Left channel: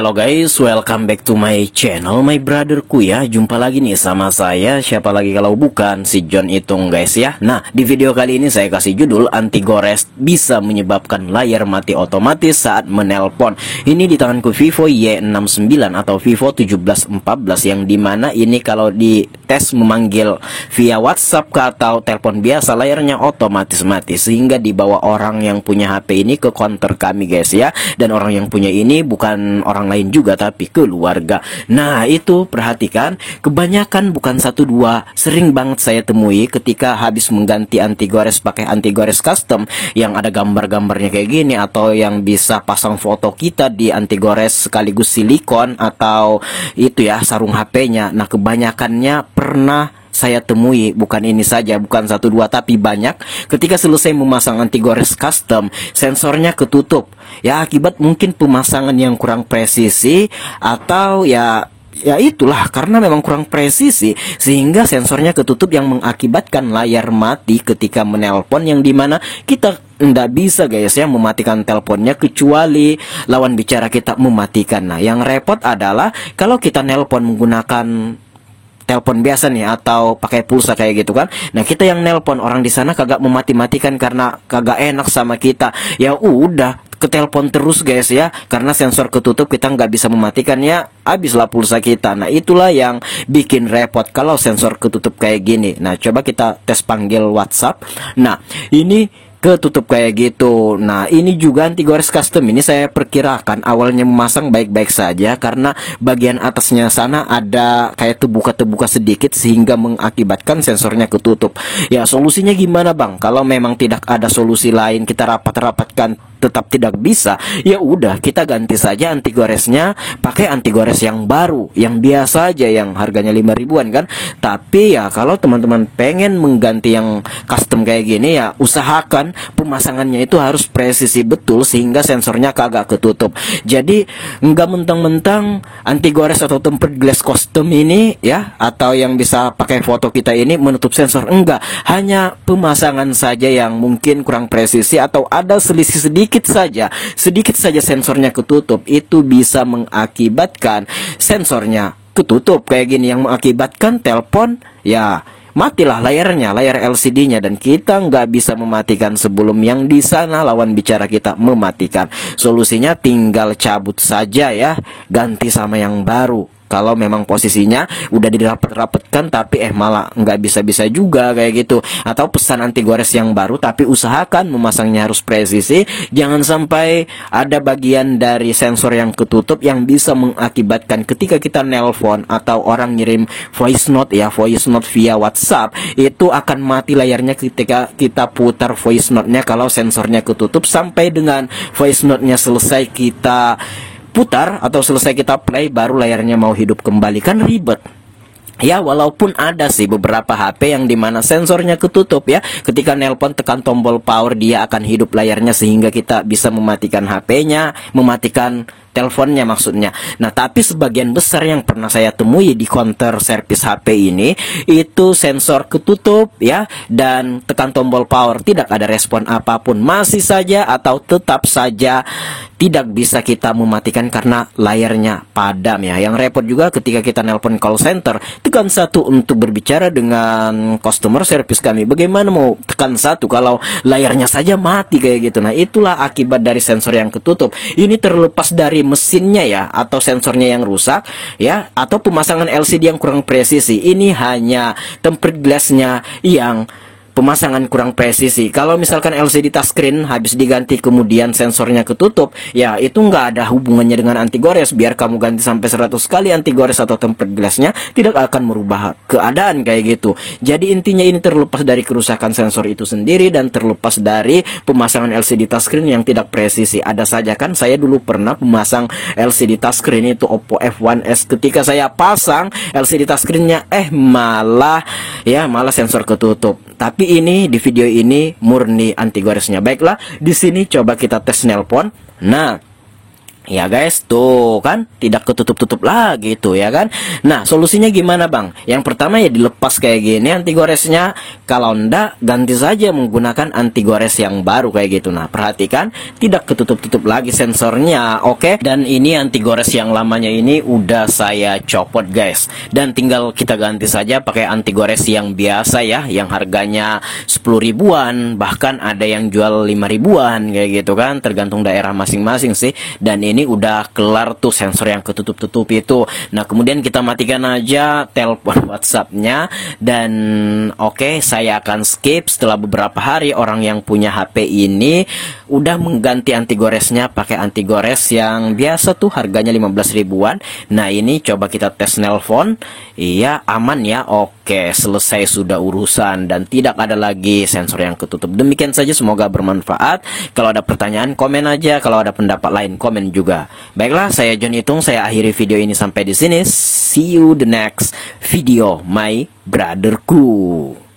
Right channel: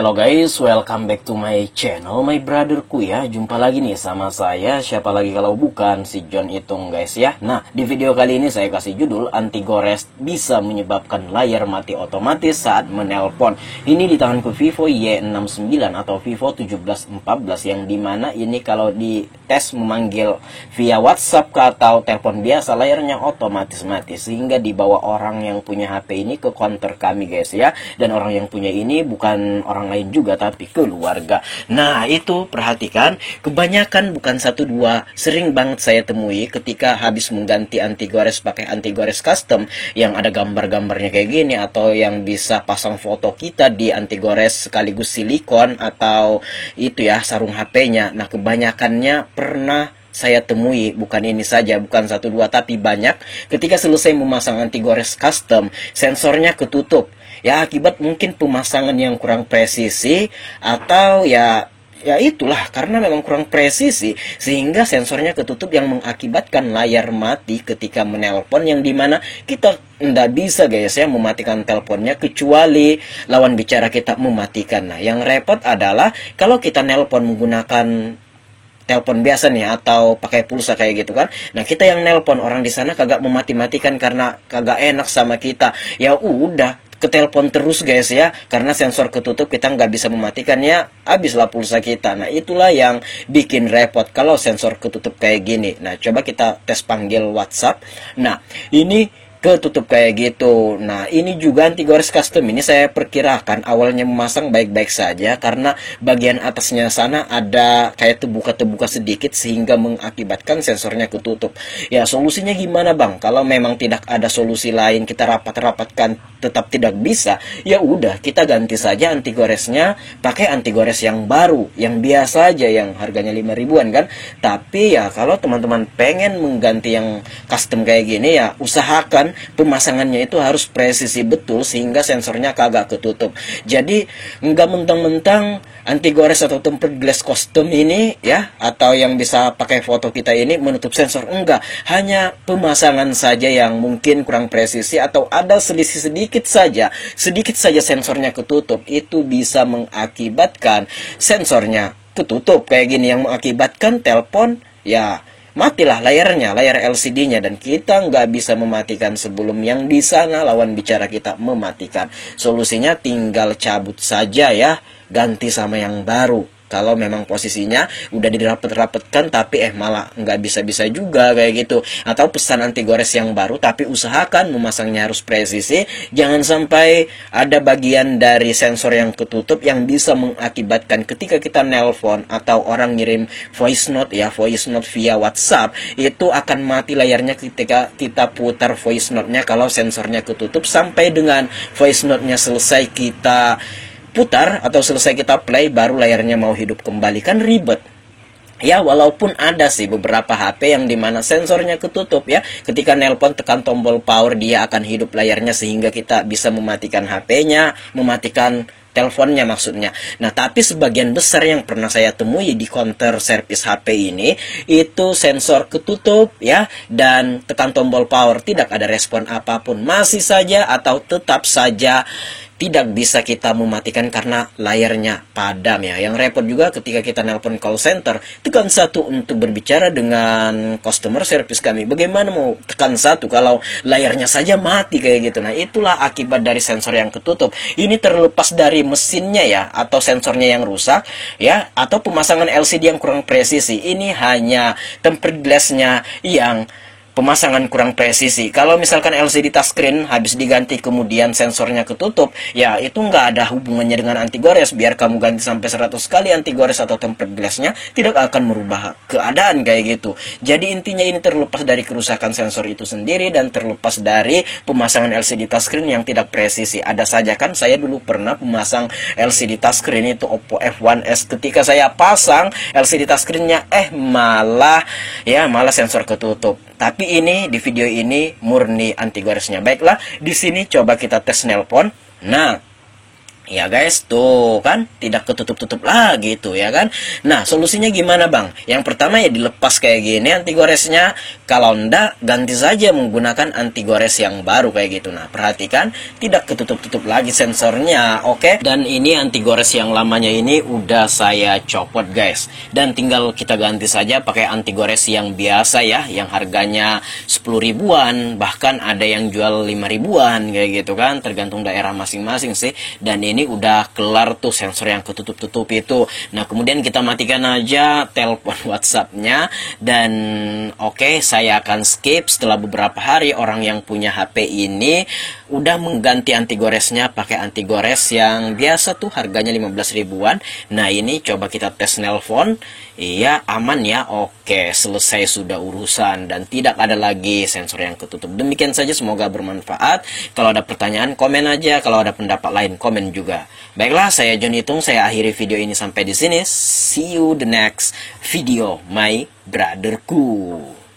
Hello guys, welcome back to my channel, my brotherku ya. Jumpa lagi nih sama saya, siapa lagi kalau bukan si John Itung guys ya. Nah, di video kali ini saya kasih judul anti gores bisa menyebabkan layar mati otomatis saat menelpon. Ini di tanganku Vivo Y69 atau Vivo 1714, yang dimana ini kalau di tes memanggil via WhatsApp atau telepon biasa, layarnya otomatis mati. Sehingga dibawa orang yang punya HP ini ke counter kami guys ya. Dan orang yang punya ini bukan orang lain juga tapi keluarga. Nah itu perhatikan, kebanyakan bukan satu dua, sering banget saya temui ketika habis mengganti anti gores pakai anti gores custom yang ada gambar-gambarnya kayak gini, atau yang bisa pasang foto kita di anti gores sekaligus silikon atau itu ya sarung HP-nya. Nah kebanyakannya pernah saya temui, bukan ini saja, bukan satu dua tapi banyak, ketika selesai memasang anti gores custom sensornya ketutup ya, akibat mungkin pemasangan yang kurang presisi atau ya itulah, karena memang kurang presisi sehingga sensornya ketutup yang mengakibatkan layar mati ketika menelpon, yang dimana kita nggak bisa guys ya mematikan teleponnya kecuali lawan bicara kita mematikan. Nah yang repot adalah kalau kita nelpon menggunakan telepon biasa nih atau pakai pulsa kayak gitu kan. Nah kita yang nelpon, orang di sana kagak memati-matikan karena kagak enak sama kita. Ya udah ke telepon terus guys ya, karena sensor ketutup kita nggak bisa mematikan, ya habislah pulsa kita. Nah itulah yang bikin repot kalau sensor ketutup kayak gini. Nah coba kita tes panggil WhatsApp. Nah ini ketutup kayak gitu. Nah ini juga anti gores custom ini saya perkirakan awalnya memasang baik-baik saja, karena bagian atasnya sana ada kayak tebuka-tebuka sedikit sehingga mengakibatkan sensornya ketutup. Ya solusinya gimana bang? Kalau memang tidak ada solusi lain, kita rapat-rapatkan tetap tidak bisa, ya udah kita ganti saja anti goresnya pakai anti gores yang baru, yang biasa aja, yang harganya 5 ribuan kan. Tapi ya kalau teman-teman pengen mengganti yang custom kayak gini, ya usahakan pemasangannya itu harus presisi betul sehingga sensornya kagak ketutup. Jadi nggak mentang-mentang anti gores atau tempered glass custom ini ya, atau yang bisa pakai foto kita ini menutup sensor, enggak, hanya pemasangan saja yang mungkin kurang presisi atau ada selisih sedikit saja sensornya ketutup, itu bisa mengakibatkan sensornya ketutup kayak gini, yang mengakibatkan telepon ya matilah layarnya, layar LCD-nya, dan kita nggak bisa mematikan sebelum yang di sana lawan bicara kita mematikan. Solusinya tinggal cabut saja ya, ganti sama yang baru. Kalau memang posisinya udah dirapet-rapetkan tapi malah nggak bisa-bisa juga kayak gitu. Atau pesan anti gores yang baru tapi usahakan memasangnya harus presisi. Jangan sampai ada bagian dari sensor yang ketutup yang bisa mengakibatkan ketika kita nelpon atau orang ngirim voice note ya, voice note via WhatsApp, itu akan mati layarnya ketika kita putar voice note-nya kalau sensornya ketutup, sampai dengan voice note-nya selesai kita putar atau selesai kita play baru layarnya mau hidup kembali, kan ribet. Ya walaupun ada sih beberapa HP yang dimana sensornya ketutup ya, ketika nelpon tekan tombol power dia akan hidup layarnya sehingga kita bisa mematikan HP-nya, mematikan teleponnya maksudnya. Nah tapi sebagian besar yang pernah saya temui di counter servis HP ini, itu sensor ketutup ya, dan tekan tombol power tidak ada respon apapun, masih saja atau tetap saja tidak bisa kita mematikan karena layarnya padam ya. Yang repot juga ketika kita nelpon call center, tekan 1 untuk berbicara dengan customer service kami. Bagaimana mau tekan 1 kalau layarnya saja mati kayak gitu. Nah itulah akibat dari sensor yang ketutup. Ini terlepas dari mesinnya ya, atau sensornya yang rusak ya, atau pemasangan LCD yang kurang presisi. Ini hanya tempered glass-nya yang pemasangan kurang presisi. Kalau misalkan LCD touchscreen habis diganti kemudian sensornya ketutup, ya itu nggak ada hubungannya dengan anti gores. Biar kamu ganti sampai 100 kali anti gores atau tempered glassnya, tidak akan merubah keadaan kayak gitu. Jadi intinya ini terlepas dari kerusakan sensor itu sendiri dan terlepas dari pemasangan LCD touchscreen yang tidak presisi. Ada saja kan, saya dulu pernah memasang LCD touchscreen itu Oppo F1s. Ketika saya pasang LCD touchscreen-nya malah sensor ketutup. Tapi ini di video ini murni anti goresnya. Baiklah, di sini coba kita tes nelpon. Nah, Ya guys, tuh kan tidak ketutup-tutup lagi tuh ya kan. Nah, solusinya gimana bang? Yang pertama ya dilepas kayak gini anti goresnya. Kalau enggak, ganti saja menggunakan anti gores yang baru kayak gitu. Nah, perhatikan tidak ketutup-tutup lagi sensornya, oke? Dan ini anti gores yang lamanya ini udah saya copot guys. Dan tinggal kita ganti saja pakai anti gores yang biasa ya, yang harganya 10 ribuan, bahkan ada yang jual 5 ribuan kayak gitu kan, tergantung daerah masing-masing sih. Dan ini udah kelar tuh sensor yang ketutup-tutup itu. Nah, kemudian kita matikan aja telepon WhatsApp-nya dan oke, saya akan skip. Setelah beberapa hari orang yang punya HP ini udah mengganti anti goresnya pakai anti gores yang biasa tuh harganya 15 ribuan. Nah, ini coba kita tes nelpon. Iya, aman ya. Oke, selesai sudah urusan dan tidak ada lagi sensor yang ketutup. Demikian saja, semoga bermanfaat. Kalau ada pertanyaan komen aja, kalau ada pendapat lain komen juga. Baiklah, saya John Itung, saya akhiri video ini sampai di sini. See you the next video, my brotherku.